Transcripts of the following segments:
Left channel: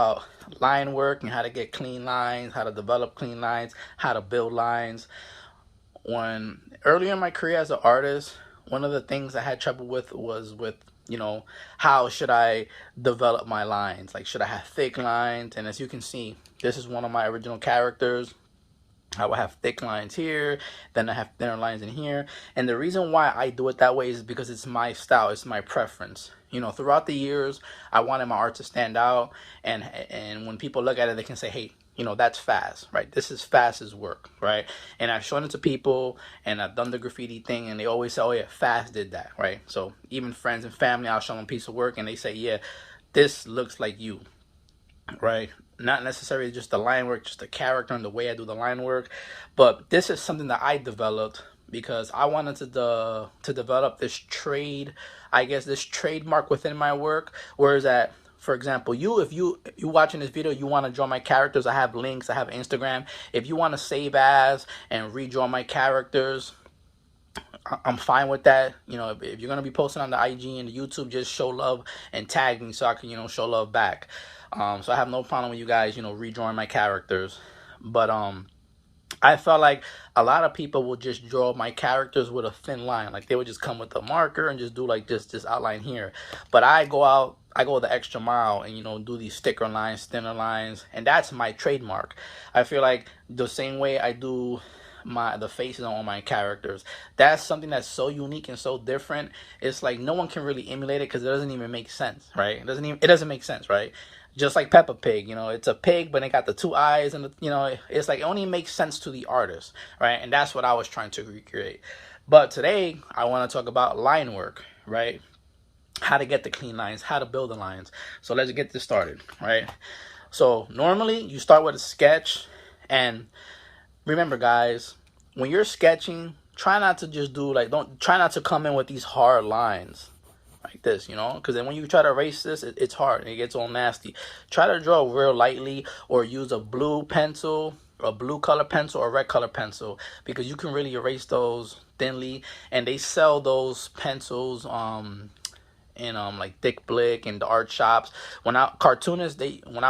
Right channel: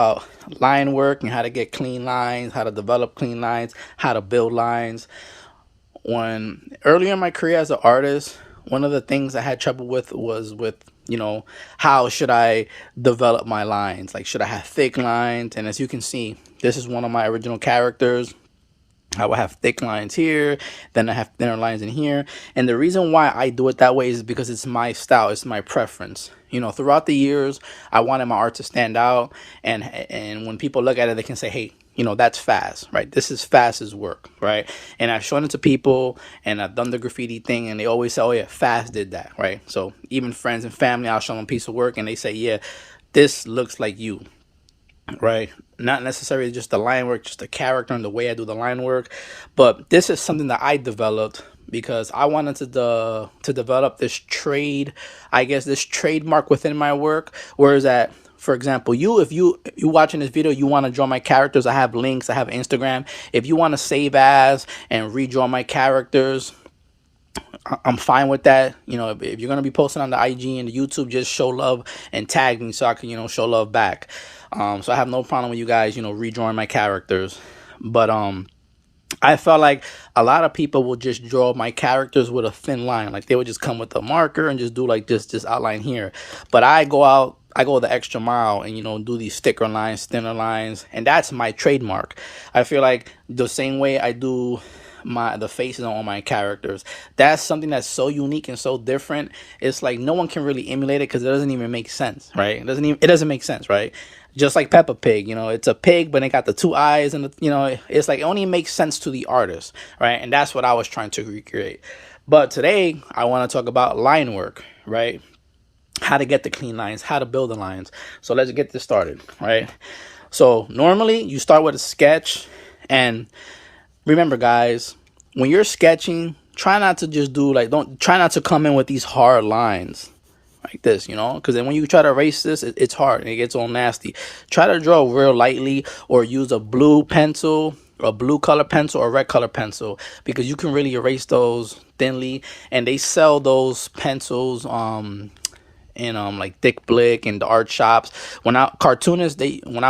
about line work and how to get clean lines, how to develop clean lines, how to build lines. When earlier in my career as an artist, one of the things I had trouble with was with, how should I develop my lines? Like, should I have thick lines? And as you can see, this is one of my original characters. I will have thick lines here, then I have thinner lines in here. And the reason why I do it that way is because it's my style, it's my preference. Throughout the years, I wanted my art to stand out, and when people look at it, they can say, hey, that's Fas, right? This is Fas's work, right? And I've shown it to people, and I've done the graffiti thing, and they always say, oh yeah, Fas did that, right? So even friends and family, I'll show them a piece of work, and they say, yeah, this looks like you, right? Not necessarily just the line work, just the character and the way I do the line work, but this is something that I developed because I wanted to develop this trade, I guess this trademark within my work. Whereas that, for example, if you watching this video, you want to draw my characters, I have links, I have Instagram. If you want to save as and redraw my characters, I'm fine with that. If you're gonna be posting on the IG and the YouTube, just show love and tag me so I can, show love back. So I have no problem with you guys, redrawing my characters. But I felt like a lot of people will just draw my characters with a thin line. Like they would just come with a marker and just do like this outline here. But I go the extra mile and do these thicker lines, thinner lines, and that's my trademark. I feel like the same way I do the faces on my characters, that's something that's so unique and so different. It's like no one can really emulate it because it doesn't even make sense, right? It doesn't make sense, right? Just like Peppa Pig, it's a pig but it got the two eyes, and it's like it only makes sense to the artist, right? And that's what I was trying to recreate. But today I want to talk about line work, right? How to get the clean lines, how to build the lines. So let's get this started, right? So normally you start with a sketch, and remember guys, when you're sketching, try not to just try not to come in with these hard lines like this, because then when you try to erase this, it's hard and it gets all nasty. Try to draw real lightly, or use a blue pencil, a blue color pencil, or red color pencil, because you can really erase those thinly. And they sell those pencils in like Thick Blick and the art shops. When I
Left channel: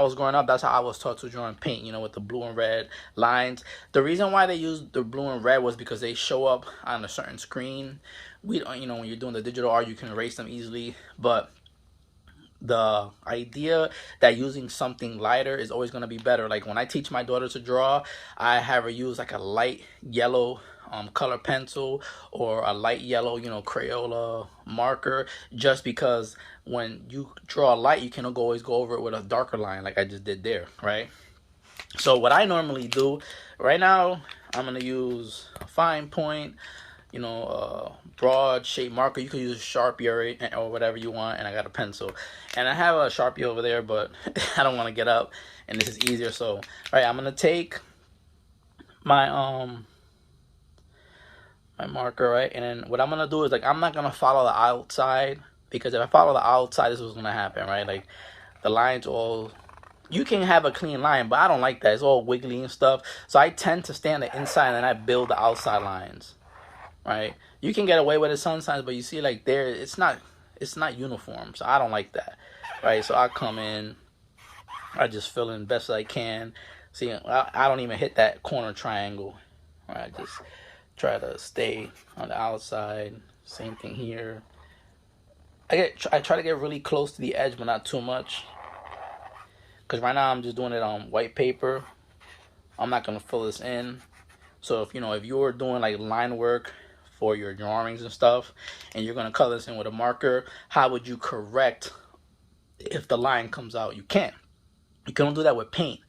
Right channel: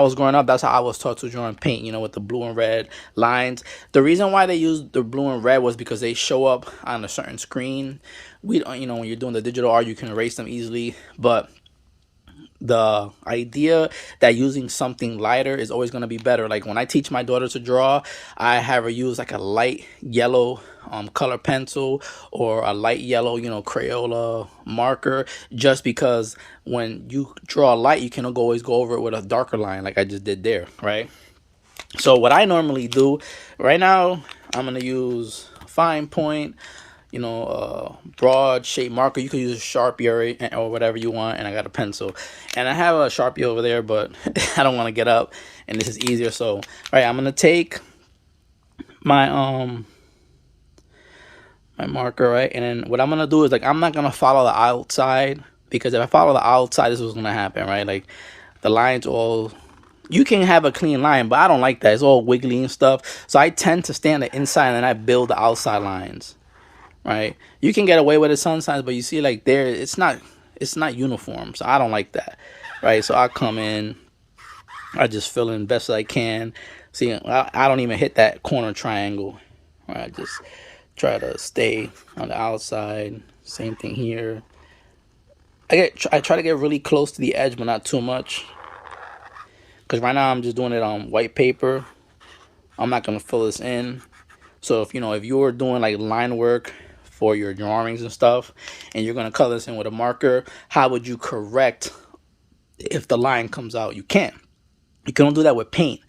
was growing up, that's how I was taught to draw and paint, with the blue and red lines. The reason why they used the blue and red was because they show up on a certain screen. We don't, when you're doing the digital art, you can erase them easily, but the idea that using something lighter is always going to be better. Like when I teach my daughter to draw, I have her use like a light yellow color pencil, or a light yellow Crayola marker, just because when you draw light, you can always go over it with a darker line like I just did there, right? So what I normally do right now, I'm going to use a fine point, broad shape marker. You can use a Sharpie or whatever you want, and I got a pencil, and I have a Sharpie over there, but I don't want to get up, and this is easier. So all right, I'm gonna take my my marker, right, and then what I'm gonna do is, like, I'm not gonna follow the outside, because if I follow the outside, this is what's gonna happen, right? Like the lines all, you can have a clean line, but I don't like that. It's all wiggly and stuff, so I tend to stay on the inside and then I build the outside lines. Right, you can get away with it sometimes, but you see, like there, it's not uniform, so I don't like that, right? So I come in, I just fill in best as I can. See, I don't even hit that corner triangle, right? I just try to stay on the outside. Same thing here. I try to get really close to the edge, but not too much, because right now I'm just doing it on white paper. I'm not gonna fill this in. So if you're doing like line work for your drawings and stuff, and you're gonna color this in with a marker, how would you correct if the line comes out? You can't. You can do that with paint,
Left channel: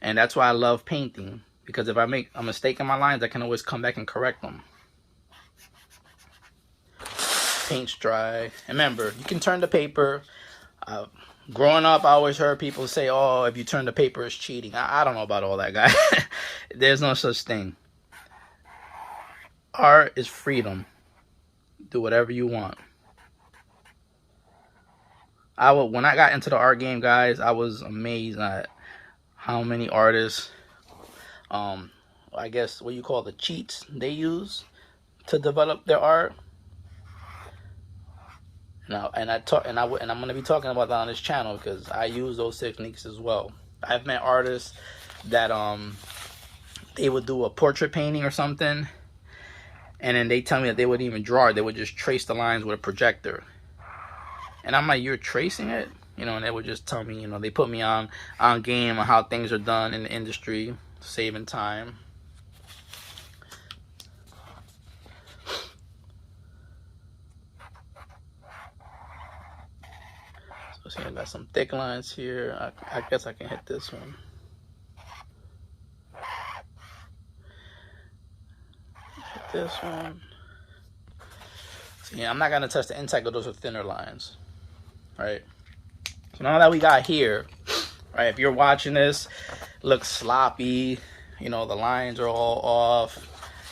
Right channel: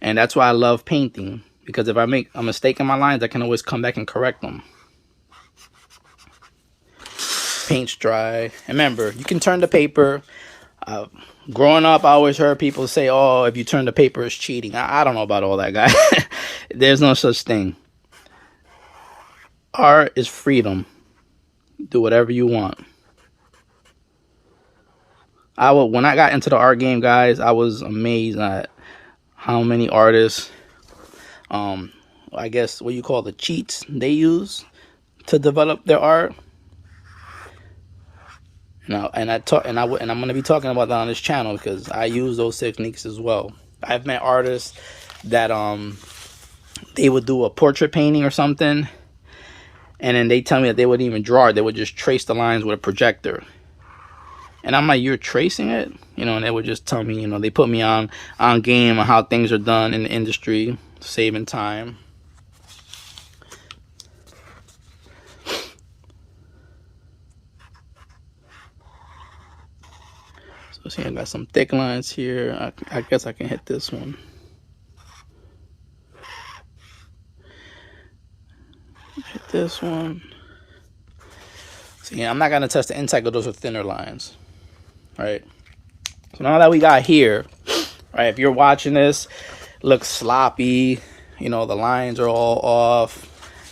and that's why I love painting, because if I make a mistake in my lines, I can always come back and correct them. Paint's dry. And remember, you can turn the paper. Growing up, I always heard people say, oh, if you turn the paper, it's cheating. I don't know about all that, guy. There's no such thing. Art is freedom. Do whatever you want. When I got into the art game, guys, I was amazed at how many artists, I guess what you call the cheats they use to develop their art. And I'm gonna be talking about that on this channel because I use those techniques as well. I've met artists that they would do a portrait painting or something, and then they tell me that they wouldn't even draw it. They would just trace the lines with a projector. And I'm like, you're tracing it? And they would just tell me, they put me on game on how things are done in the industry, saving time. So see, I got some thick lines here. I guess I can hit this one. Hit this one. So yeah, I'm not gonna touch the inside because those are thinner lines. Right. So now that we got here, right, if you're watching this, it looks sloppy, the lines are all off.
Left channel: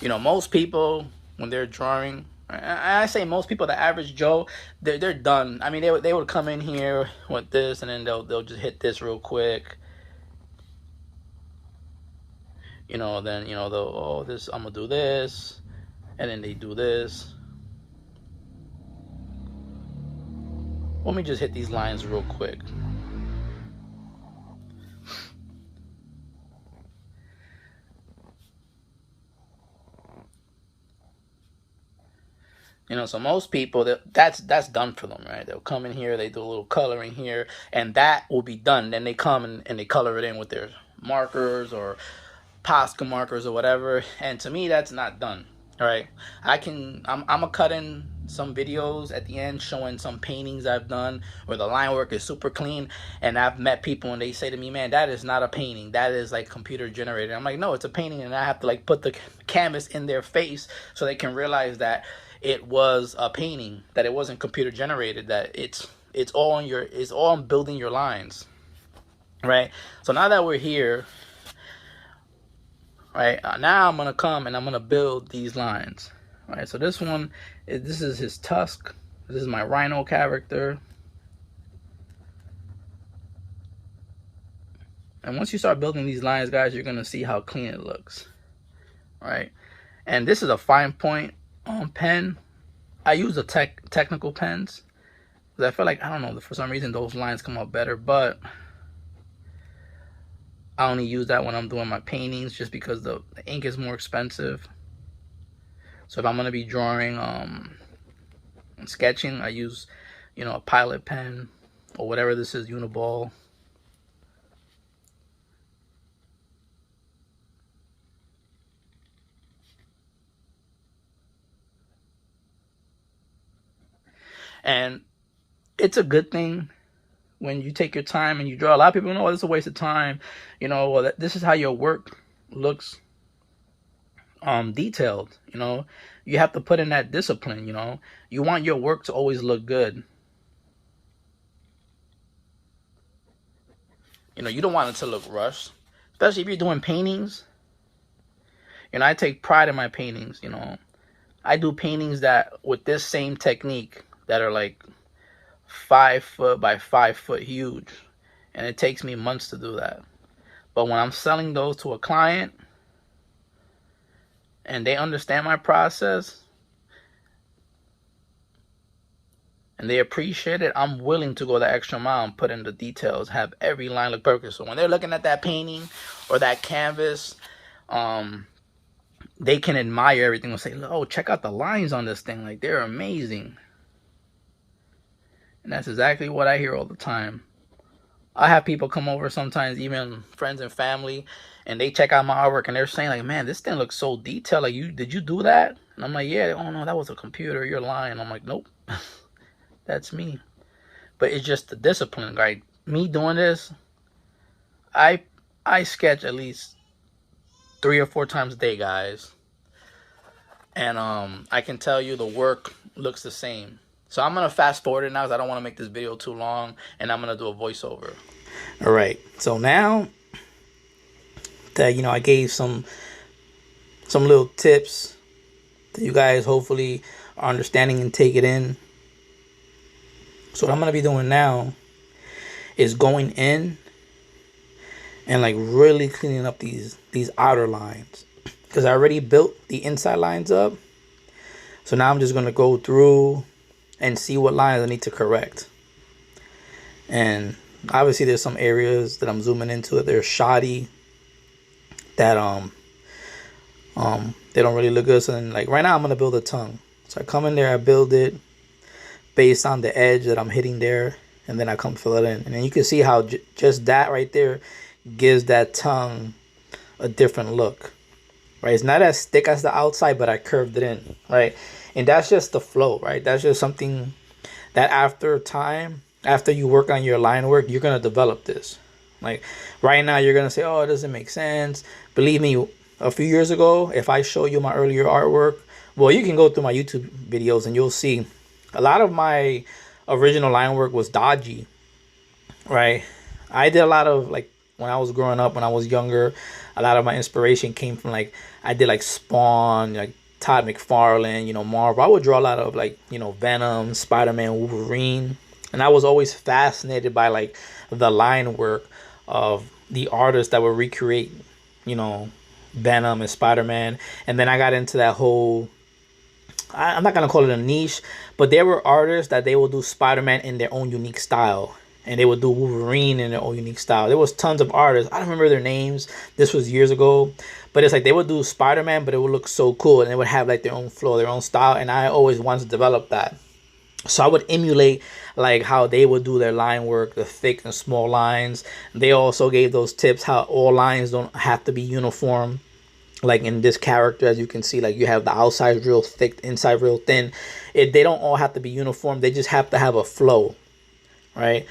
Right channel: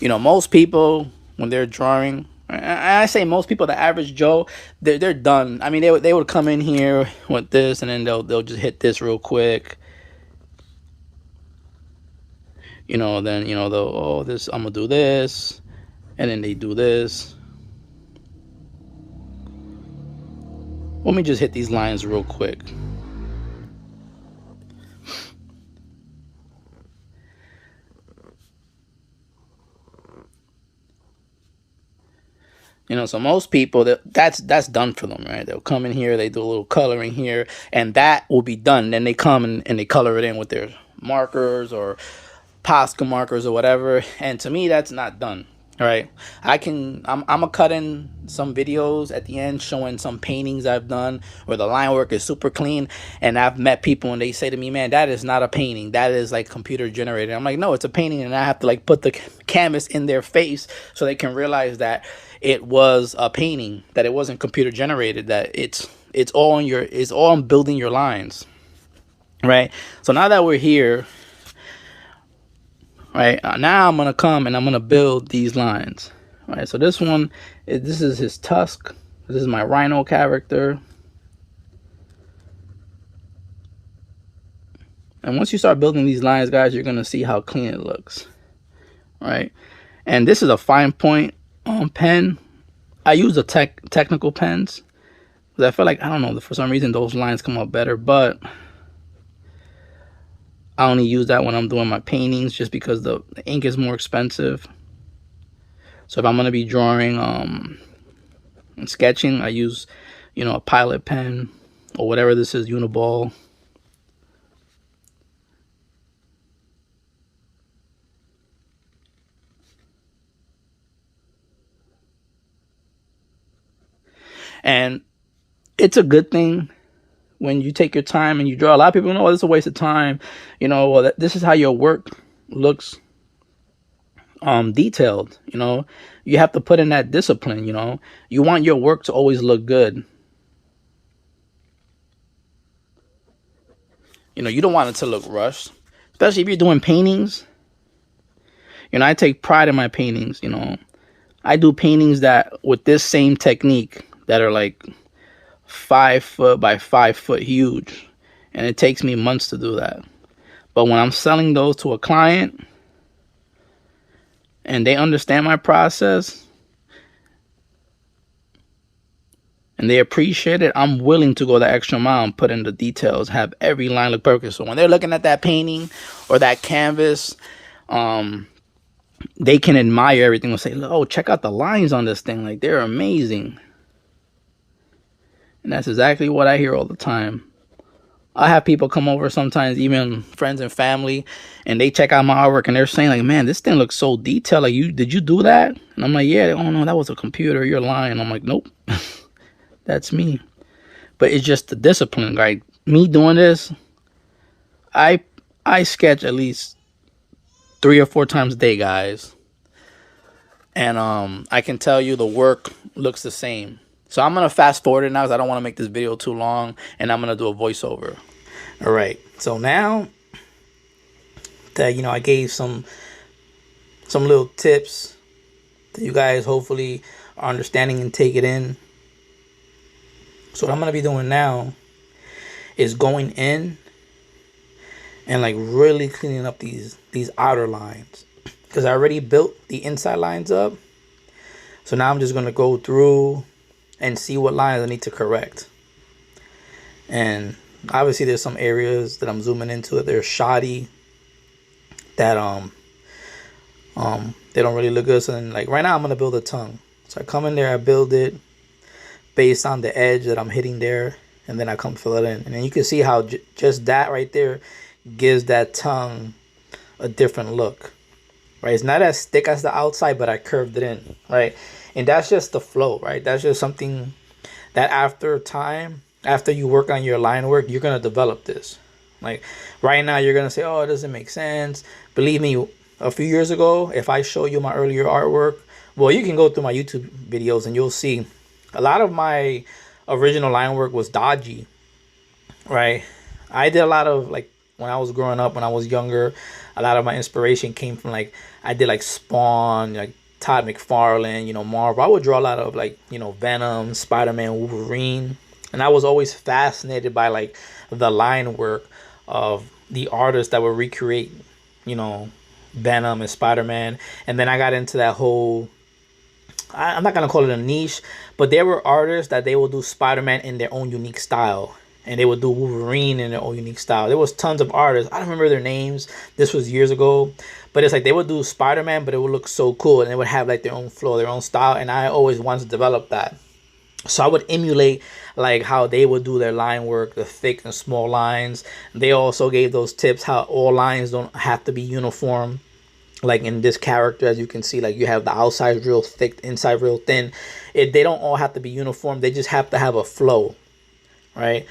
Most people, when they're drawing, I say most people, the average Joe, they're done. I mean, they would come in here with this, and then they'll just hit this real quick. Then they'll, this, I'm gonna do this, and then they do this. Let me just hit these lines real quick. So most people, that's done for them, right? They'll come in here, they do a little coloring here, and that will be done. Then they come and they color it in with their markers or Posca markers or whatever. And to me, that's not done. All right, I'm gonna cut in some videos at the end showing some paintings I've done where the line work is super clean, and I've met people and they say to me, man, that is not a painting, that is like computer generated. I'm like, no, it's a painting, and I have to like put the canvas in their face so they can realize that it was a painting, that it wasn't computer generated, that it's all on building your lines, right? So now that we're here, right, now I'm gonna come and I'm gonna build these lines. Right, so this is his tusk. This is my RHINO character. And once you start building these lines, guys, you're gonna see how clean it looks. Right, and this is a fine point pen. I use the technical pens because I feel like, I don't know, for some reason those lines come out better, but I only use that when I'm doing my paintings just because the ink is more expensive. So if I'm going to be drawing and sketching, I use, a Pilot pen or whatever this is, Uniball. And it's a good thing when you take your time and you draw. A lot of people know, oh, this is a waste of time. Well, this is how your work looks detailed. You have to put in that discipline. You want your work to always look good. You don't want it to look rushed, especially if you're doing paintings. I take pride in my paintings. I do paintings that with this same technique that are like 5 foot by 5 foot huge, and it takes me months to do that. But when I'm selling those to a client and they understand my process and they appreciate it, I'm willing to go the extra mile and put in the details, have every line look perfect. So when they're looking at that painting or that canvas, they can admire everything and say, oh, check out the lines on this thing, like they're amazing. And that's exactly what I hear all the time. I have people come over sometimes, even friends and family, and they check out my artwork and they're saying like, man, this thing looks so detailed. Like, did you do that? And I'm like, yeah. Oh no, that was a computer. You're lying. I'm like, nope, that's me. But it's just the discipline. Like me doing this, I sketch at least 3 or 4 times a day, guys. And I can tell you the work looks the same. So I'm going to fast forward it now because I don't want to make this video too long, and I'm going to do a voiceover. All right. So now that, I gave some little tips that you guys hopefully are understanding and take it in. So what I'm going to be doing now is going in and like really cleaning up these outer lines, because I already built the inside lines up. So now I'm just going to go through and see what lines I need to correct. And obviously there's some areas that I'm zooming into that they're shoddy, that they don't really look good. So then, like right now I'm gonna build a tongue. So I come in there, I build it based on the edge that I'm hitting there, and then I come fill it in. And then you can see how just that right there gives that tongue a different look, right? It's not as thick as the outside, but I curved it in, right? And that's just the flow, right? That's just something that after time, after you work on your line work, you're gonna develop this. Like right now, you're gonna say, "Oh, it doesn't make sense." Believe me, a few years ago, if I show you my earlier artwork, well, you can go through my YouTube videos and you'll see a lot of my original line work was dodgy, right? I did a lot of, like, when I was growing up, when I was younger, a lot of my inspiration came from, like, I did like Spawn, like Todd McFarlane, Marvel. I would draw a lot of, like, Venom, Spider-Man, Wolverine. And I was always fascinated by, like, the line work of the artists that would recreate, Venom and Spider-Man. And then I got into that whole, I'm not going to call it a niche, but there were artists that they would do Spider-Man in their own unique style. And they would do Wolverine in their own unique style. There was tons of artists. I don't remember their names. This was years ago. But it's like they would do Spider-Man, but it would look so cool. And they would have like their own flow, their own style. And I always wanted to develop that. So I would emulate like how they would do their line work, the thick and small lines. They also gave those tips how all lines don't have to be uniform. Like in this character, as you can see, like you have the outside real thick, inside real thin. They don't all have to be uniform. They just have to have a flow, right?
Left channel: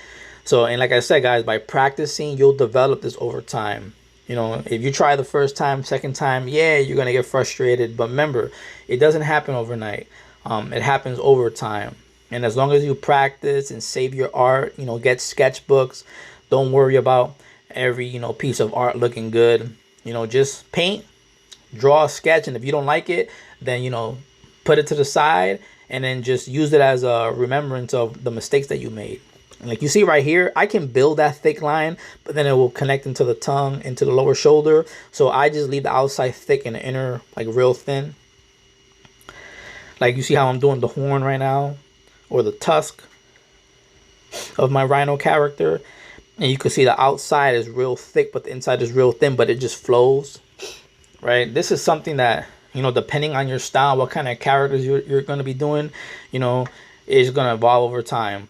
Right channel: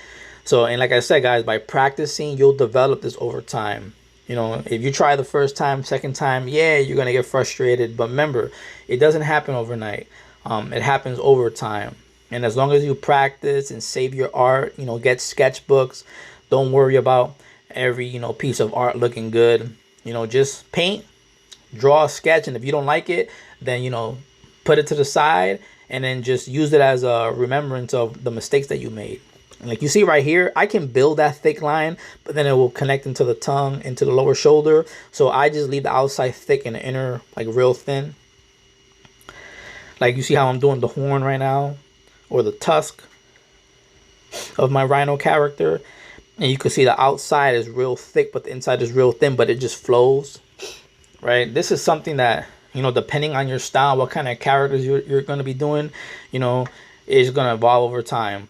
So, and like I said, guys, by practicing, you'll develop this over time. If you try the first time, second time, yeah, you're going to get frustrated. But remember, it doesn't happen overnight. It happens over time. And as long as you practice and save your art, get sketchbooks. Don't worry about every, piece of art looking good. Just paint, draw a sketch. And if you don't like it, then, put it to the side and then just use it as a remembrance of the mistakes that you made. And like you see right here, I can build that thick line, but then it will connect into the tongue, into the lower shoulder. So I just leave the outside thick and the inner like real thin. Like you see how I'm doing the horn right now, or the tusk of my RHINO character. And you can see the outside is real thick, but the inside is real thin, but it just flows, right? This is something that, depending on your style, what kind of characters you're going to be doing, is going to evolve over time.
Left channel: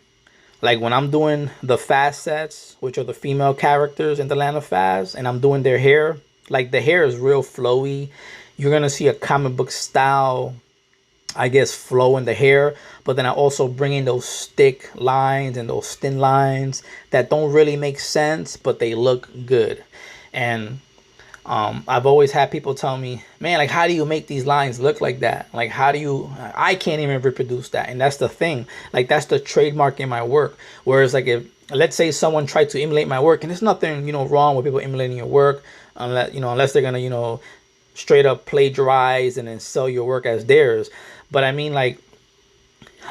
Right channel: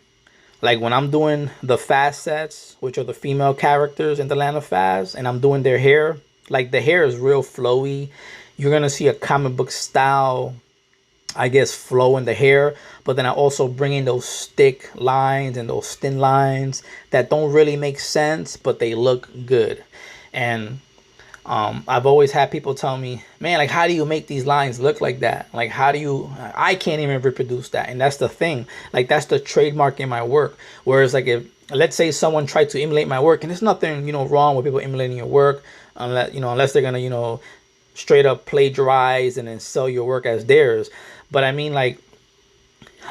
Like when I'm doing the Fas sets, which are the female characters in the Land of Fas, and I'm doing their hair, like the hair is real flowy. You're going to see a comic book style, I guess, flow in the hair. But then I also bring in those thick lines and those thin lines that don't really make sense, but they look good. And I've always had people tell me, man, like, how do you make these lines look like that? Like, I can't even reproduce that. And that's the thing. Like, that's the trademark in my work. Whereas, like, if, let's say someone tried to emulate my work, and there's nothing, wrong with people emulating your work, unless they're going to, straight up plagiarize and then sell your work as theirs. But I mean, like,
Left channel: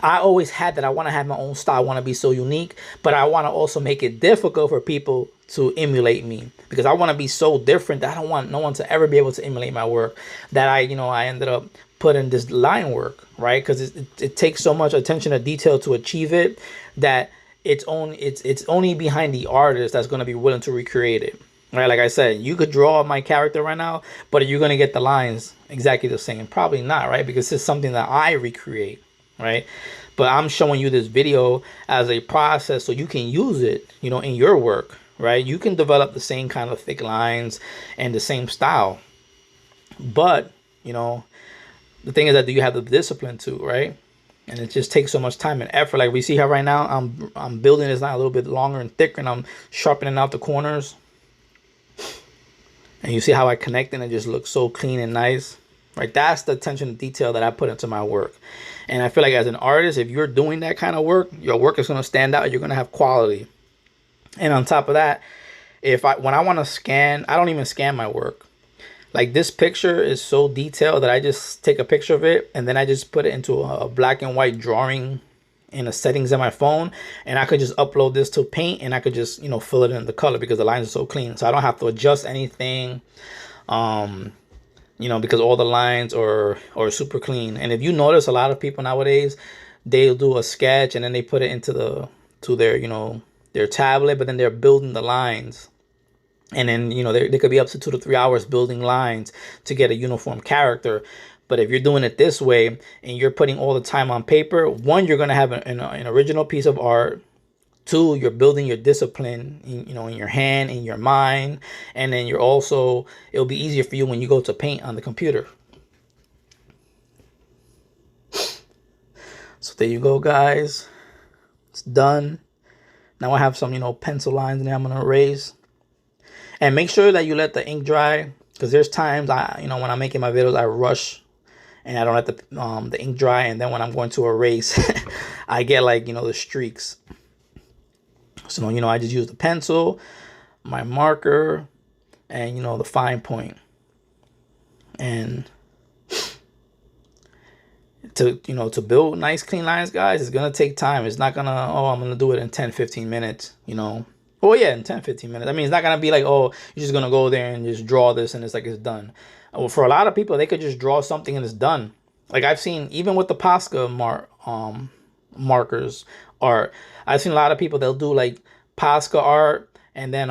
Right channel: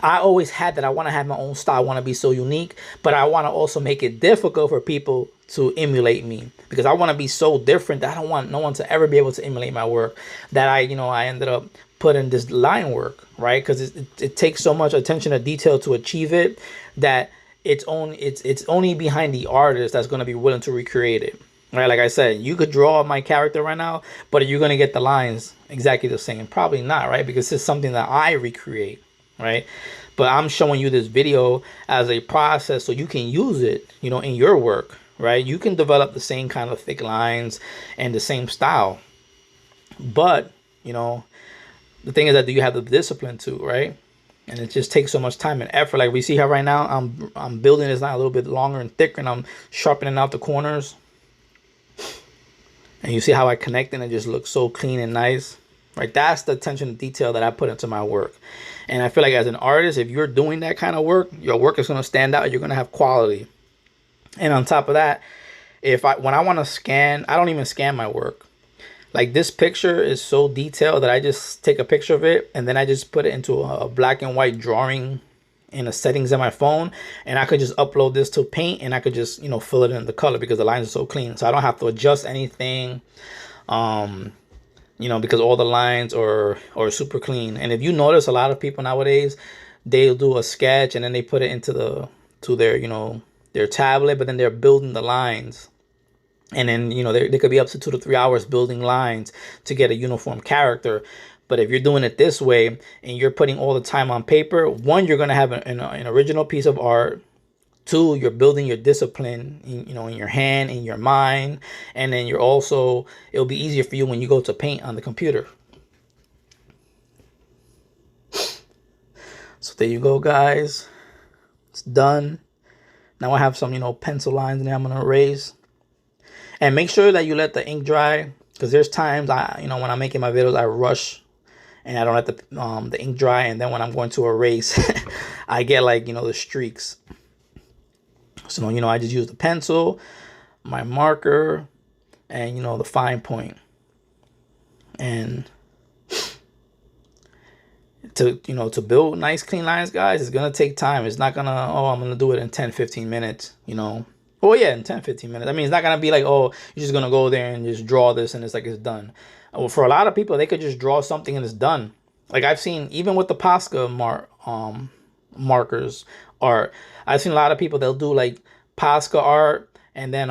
I always had that. I want to have my own style. I want to be so unique, but I want to also make it difficult for people to emulate me, because I want to be so different that I don't want no one to ever be able to emulate my work. That I ended up putting this line work, right? Because it takes so much attention to detail to achieve it that it's only behind the artist that's going to be willing to recreate it, right? Like I said, you could draw my character right now, but are you going to get the lines exactly the same? Probably not, right? Because it's something that I recreate, right? But I'm showing you this video as a process so you can use it, in your work, right? You can develop the same kind of thick lines and the same style. But, the thing is that, do you have the discipline to, right? And it just takes so much time and effort. Like we see how right now I'm building this line a little bit longer and thicker, and I'm sharpening out the corners. And you see how I connect, and it just looks so clean and nice, right? That's the attention to detail that I put into my work. And I feel like as an artist, if you're doing that kind of work, your work is going to stand out. You're going to have quality. And on top of that, when I want to scan, I don't even scan my work. Like this picture is so detailed that I just take a picture of it and then I just put it into a black and white drawing in the settings of my phone, and I could just upload this to Paint and I could just, fill it in the color because the lines are so clean. So I don't have to adjust anything, because all the lines are super clean. And if you notice, a lot of people nowadays, they'll do a sketch and then they put it into their, you know, their tablet, but then they're building the lines. And then, you know, they could be up to 2 to 3 hours building lines to get a uniform character. But if you're doing it this way and you're putting all the time on paper, one, you're going to have an original piece of art. Two, you're building your discipline, you know, in your hand, in your mind. And then it'll be easier for you when you go to paint on the computer. So there you go, guys. It's done. Now I have some, you know, pencil lines in there I'm going to erase. And make sure that you let the ink dry, because there's times when I'm making my videos, I rush and I don't let the ink dry. And then when I'm going to erase, I get like, you know, the streaks. So, you know, I just use the pencil, my marker, and, you know, the fine point. And to build nice clean lines, guys, it's going to take time. It's not going to, I'm going to do it in 10-15 minutes, you know. Oh yeah, in 10-15 minutes. I mean, it's not going to be like, you're just going to go there and just draw this and it's like it's done. Well, for a lot of people, they could just draw something and it's done. Like I've seen, even with the Posca markers art, I've seen a lot of people, they'll do like Posca art, and then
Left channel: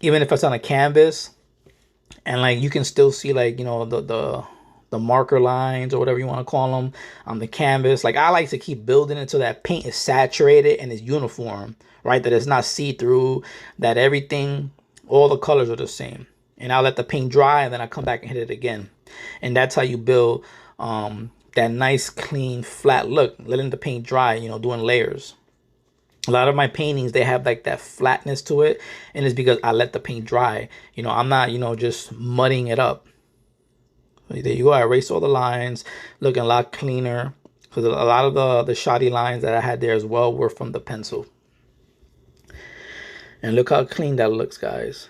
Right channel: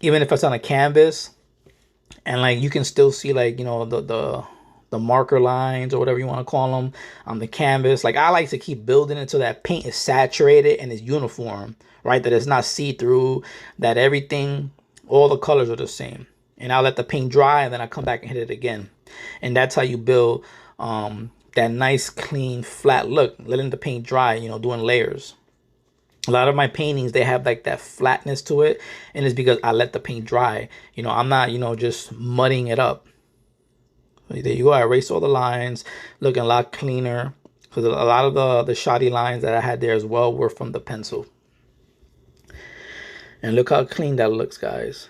even if it's on a canvas, and like you can still see like, you know, the marker lines or whatever you want to call them on the canvas. Like I like to keep building it so that paint is saturated and is uniform, right? That it's not see-through, that everything, all the colors are the same. And I'll let the paint dry and then I come back and hit it again. And that's how you build that nice, clean, flat look, letting the paint dry, you know, doing layers. A lot of my paintings, they have like that flatness to it. And it's because I let the paint dry. You know, I'm not, you know, just mudding it up. There you go. I erased all the lines, looking a lot cleaner. Because a lot of the shoddy lines that I had there as well were from the pencil. And look how clean that looks, guys.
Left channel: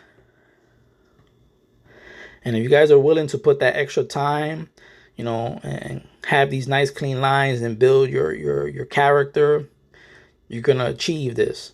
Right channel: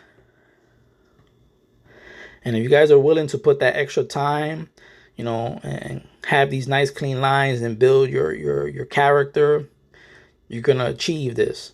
And if you guys are willing to put that extra time, you know, and have these nice clean lines and build your character, you're going to achieve this.